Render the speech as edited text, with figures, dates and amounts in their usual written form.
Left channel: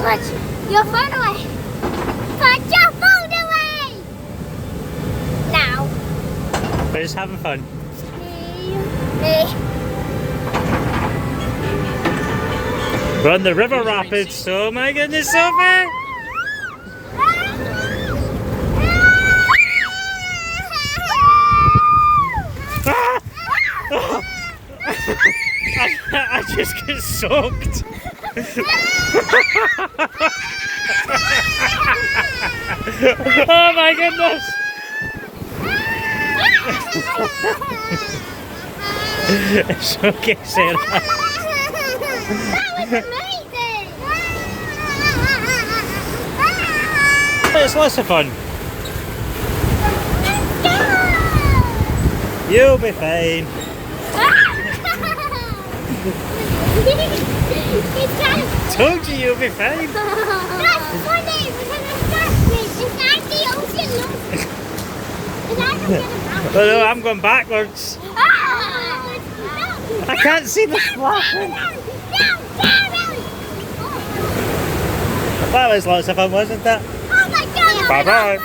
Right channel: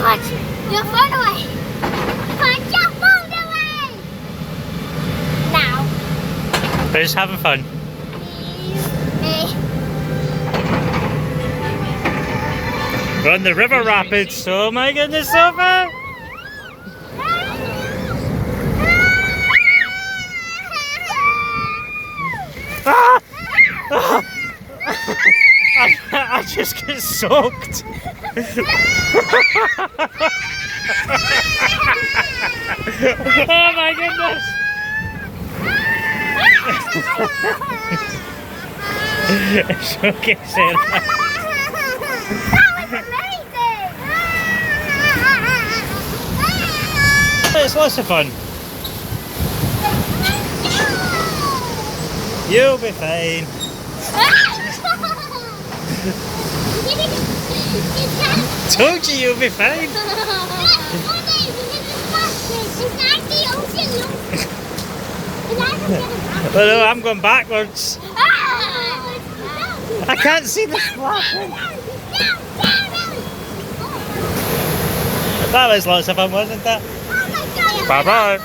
Put your phone away. Put your phone away. Now. We're just having fun. We're on the river rapids, oh my goodness, Sophie! Ah! Ah! I just get soaked. Oh my goodness! It's okay, Sarah. That was amazing! It's lots of fun. You'll be fine. Told you you'll be fine. That's funny because it's backwards. It's like the ocean. It's like Oh no, I'm going backwards. I can't see the splashing. That was lots of fun, wasn't it? Oh my God! Bye bye.